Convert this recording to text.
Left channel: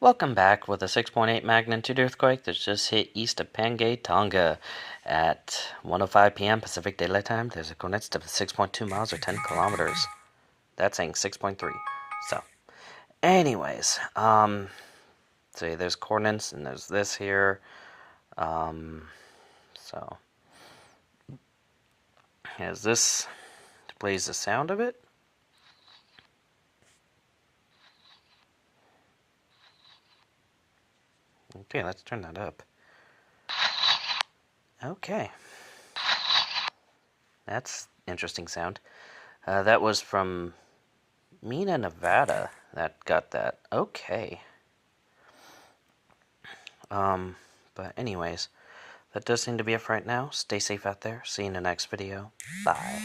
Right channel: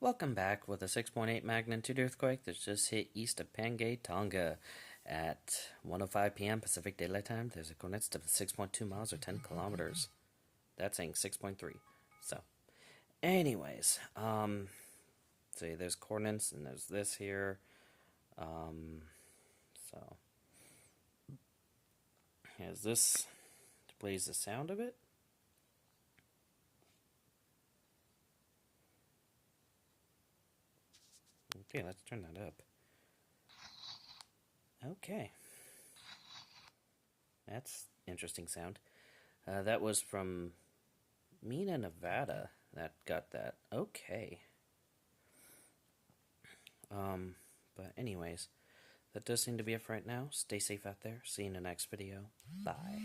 Welcome back with a 6.8 magnitude earthquake that just hit east of Pangaea, Tonga at 1:05 p.m. Pacific Daylight Time. There's a coordinates of 6.2 miles or 10 kilometers. That's saying 6.3. So, anyways, see, there's coordinates and there's this here. So, as this plays the sound of it. Okay, let's turn that up. Okay. That's interesting sound. That was from Mina, Nevada that got that. Okay. But anyways, that does seem to be it for right now. Stay safe out there. See you in the next video. Bye.